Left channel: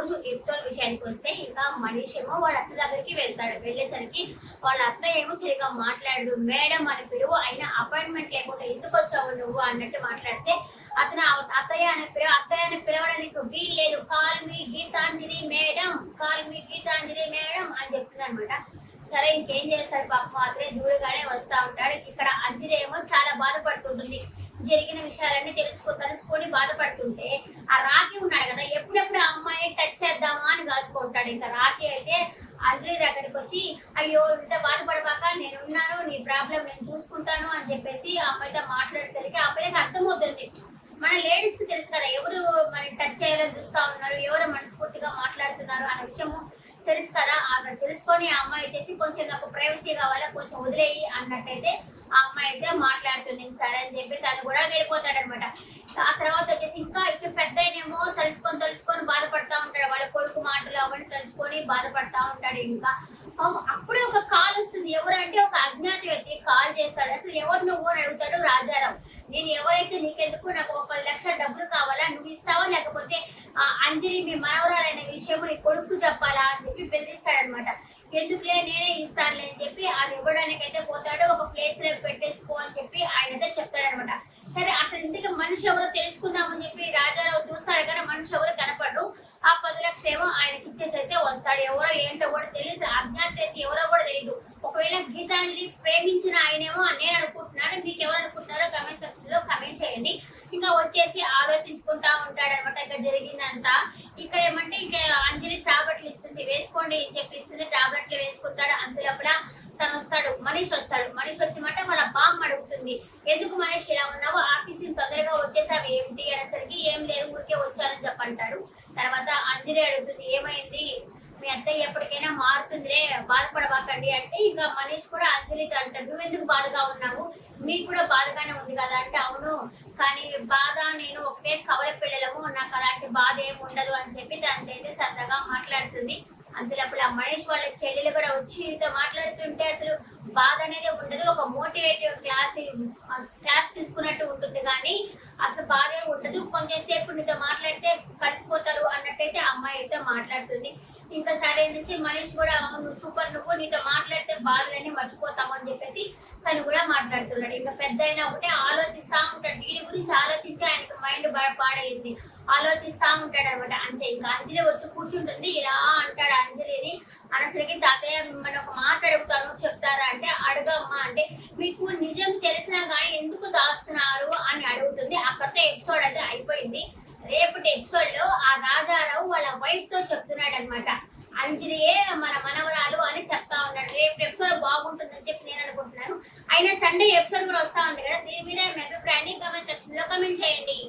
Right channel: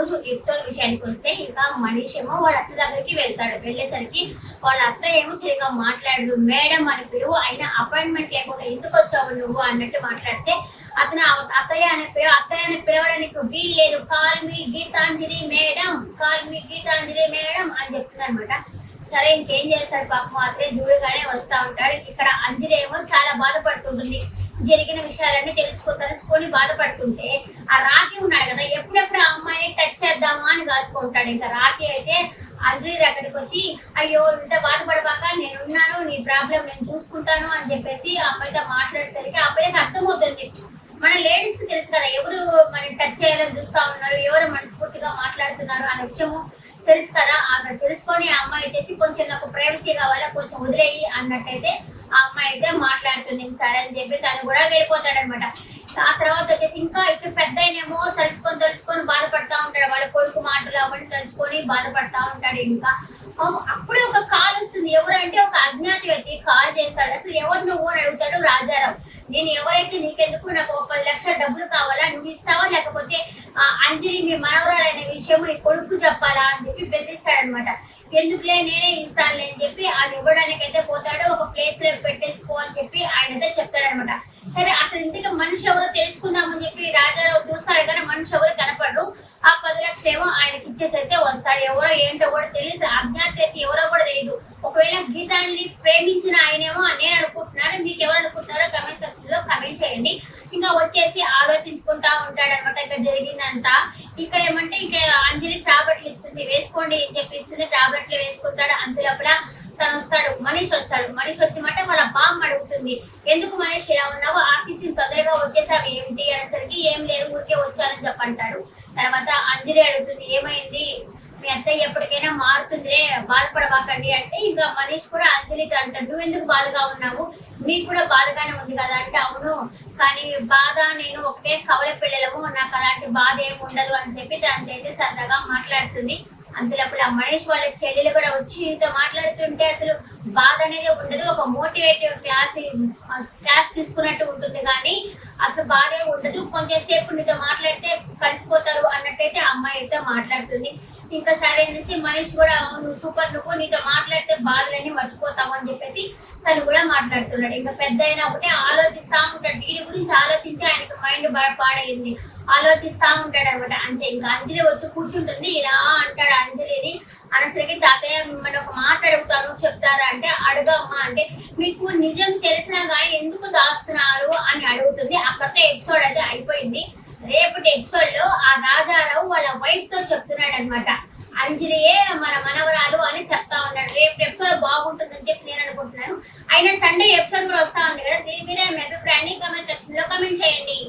రోజు ఎపిసోడ్ విషయానికి వస్తే ఇంకా మనీష్ ఏమో వాళ్ళ అత్త దగ్గరికి వెళ్తాడు. వెళ్ళేసరికి వాళ్ళ అత్త ఏమో సరిగా మాట్లాడదు. మేడం అని పిలువు, అయినా అపాయింట్మెంట్ లేకుండా ఎందుకు వచ్చావు నువ్వు అన్నట్టు మాట్లాడితే అతను అత్తయ్య అని పిలవడానికి వీలు లేదు, call me Geetanjali madam, call me Geetanjali madam అని చెప్తుంది అనమాట. సరే ఇంకేం చేస్తాడు పాపం, అతనే దూడుగానే వస్తా ఉంటాడు. ఇక్కడ అంజలి ఏమో చాలా బాధపడుతుంటుంది. జరిగిన విషయాలన్నీ తెలుసుకొని బాధపడుతుంటే ఆ రాఖీ ఉన్నాడు కదా, ఎప్పుడెప్పుడు ఆ అమ్మాయిని టచ్ చేద్దామా అని కాసుకుంటాడు. ఇంకా రాఖీ అయితే అంజలి దగ్గరికి వచ్చి అయ్యో ఇంత బాధపడబాక, నేనున్నాను, నీ ప్రాబ్లం నేను చూసుకుంటాను అని చెప్పేసి ఆ అమ్మాయితో మాట్లాడేసరికి ఆ అబ్బాయికి అర్థమవుతుంది. మన లేడీస్ కి తెలుసు కదా, ఎవరు మన టచ్ చేయాలని చూస్తా ఉన్నారు, ఎవరు మనస్ఫూర్తిగా మాట్లాడుతున్నారు అనే విషయము తెలుసు కదా. ఆమె తెలుసుకొని ఆ అమ్మాయి వచ్చేసి కొంచెం నాకు ప్రైవసీ కావాలా, కొంచెం వదిలేయి అన్నట్టయితే ఆ అమ్మాయి అయితే మాట్లాడుతుంది. సరే అని చెప్పి తను కూడా వెళ్ళిపోతాడు అనమాట. ఆ తర్వాత వచ్చేసి ఇంకా ఇక్కడ పెద్ద ఆయనేమో తలుచుకొని బాధపడతా ఉంటాడు. వాళ్ళ కొడుకు మాటలు అవన్నీ తలుచుకొని బాధపడతా ఉంటాడు. ఇంకా అప్పుడే ఒక కాల్ వస్తుంది. ఎవరంటే ఒక అజ్ఞాత వ్యక్తి కాల్ చేస్తాడు. అసలు ఎవరు నువ్వు అని అడుగుతాడు రాజారావు. నేను ఎవరైతే నీకెందుకు, నాకు 10 లక్షల డబ్బులు కావాలా, నువ్వు ఇస్తావా లేకపోతే అంజలి మీ మనవరాలనే విషయం నీ కొడుకు చెప్పాలా అని చెప్పి బెదిరిస్తాడనమాట. ఎందుకులే నేనే ఇస్తానులే అని చెప్పి అది ఇవ్వడానికి అయితే పోతాడు. ఒక ప్లేస్ లో పెట్టేసుకో అని చెప్పి ఆయన అయితే చెప్తాడనమాట. సరే అసలు ఇంతకీ మనిషి ఎవరో తెలుసుకుందామని చెప్పి రాజారావు చూస్తాడు కానీ మనిషి ఎవరు కనపడరు. ఆ 10 లక్షలు ఏమో ఆయనకి ఇచ్చేసి అయితే వస్తాడు. ఎవరో ఏంటో కూడా తెలియదు, అజ్ఞాత వ్యక్తి ఎవరో కూడా తెలియదు. ఒకవేళ గీతాన్ని ప్రేమించిన ఆయనేమో నేను అనుకుంటున్నాను, మీకు ఎవరు అనుకుంటున్నారో కమెంట్ సెక్షన్ లో కమెంట్ చేయండి. ఇంకా వచ్చేసి ఆలోచించుకుంటా ఉంటాడు అనమాట ఇంకా జరిగిందంతా. ఇక్కడ ఏమంటే ఇంకా అంజలి టాబ్లెట్లు ఇస్తుంది, వేసుకోండి అని చెప్పి ఇస్తుంది. టాబ్లెట్లు వేసుకుంటాడు. అంతలోపల తను వస్తాడు, మనీష్ వస్తాడు. మనీష్ వచ్చమంటే వాళ్ళ బామ్మ అడుగుతుంది, ఎందుకు మనీష్ ఇలా ఉన్నావు, ఆఫీస్ తొందరగా వచ్చేసావు ఏమిటి అనేసరికి ఏం లేదు ఊరికే వచ్చానని చెప్పంటాడు. తర్వాత అంజలి అడుగుతుంది, ఏమైంది, మీ అత్తయ్య ఎప్పటికైనా మారుతుందిలే, బాధపడవాకండి అంటే ఇంకా మనీష్ కూడా అంజలికి అంటాడు, నువ్వు ఎందుకు బాధగా ఉన్నావు, మీకు కూడా బాధగానే ఉంది కదా అంటే అవును, కానీ బాధ నేను ఒకటే కవల పిల్లలము, నాకు అలాంటి బాధ ఏమి ఉండదు అని చెప్పి తనైతే సరదాగా మాట్లాడుతుంది. అంతలోపల మనీష్ వాళ్ళ చెల్లెలు కూడా వచ్చి ఇంత మాట్లాడుతుంటే అసలు బాధ అనేది ఉండదు, ఒక మోటివేటివ్ క్లాస్ తీసుకున్నట్టు ఉంటుంది కానీ అసలు బాధే ఉండదు, కొంచెం సేపు నీతో మాట్లాడితే కలిసిపోతారు అన్నట్టయితే అమ్మాయి అయితే మాట్లాడుతుంది. ఇంకా సరే అనేసి మనీష్ కూడా నువ్వు సూపర్, నువ్వు నీతో మాట్లాడితే బాధలన్నీ మర్చిపోతావు అని చెప్పేసి తను కూడా మాట్లాడుతున్నాడు. ఇంకా పెద్ద అయినా ఒకటే ఆలోచిస్తా ఉంటాడు, దీని గురించి ఆలోచించి ఆయనకి మైండ్ పాడైంది, ఆలోచిస్తా ఉంటాడు అనమాట. ఇంకా అంజలి వచ్చి కూర్చుంటుంది. ఇలా అంటాడు అంజలిని అనసరికి, తాతయ్య మిమ్మల్ని ఒక మాట అడుగుతాను చెప్తారా అంటే అడగమ్మా అంటే, మీకు నిజం తెలిసినా కానీ ఎందుకు దాస్తున్నారు అని అడుగుతుంది. అక్కడితో ఎపిసోడ్ అయితే అయిపోయింది. రేపటి ఎపిసోడ్ లో ఆ రాజారావు వాళ్ళ వైఫ్ తో చెప్తున్నాడు అనమాట, అంజలియే మన మనవరాలు అని చెప్తా ఉన్నాడు. రేపు ఎపిసోడ్ బాగుంటుందని చెప్పి నేను అనుకుంటున్నాను. అయినా సండే ఎపిసోడ్ కూడా వస్తా ఉంది కదా, దీని మీద మీ అభిప్రాయాన్ని కామెంట్ సెక్షన్ లో కామెంట్ చేయండి.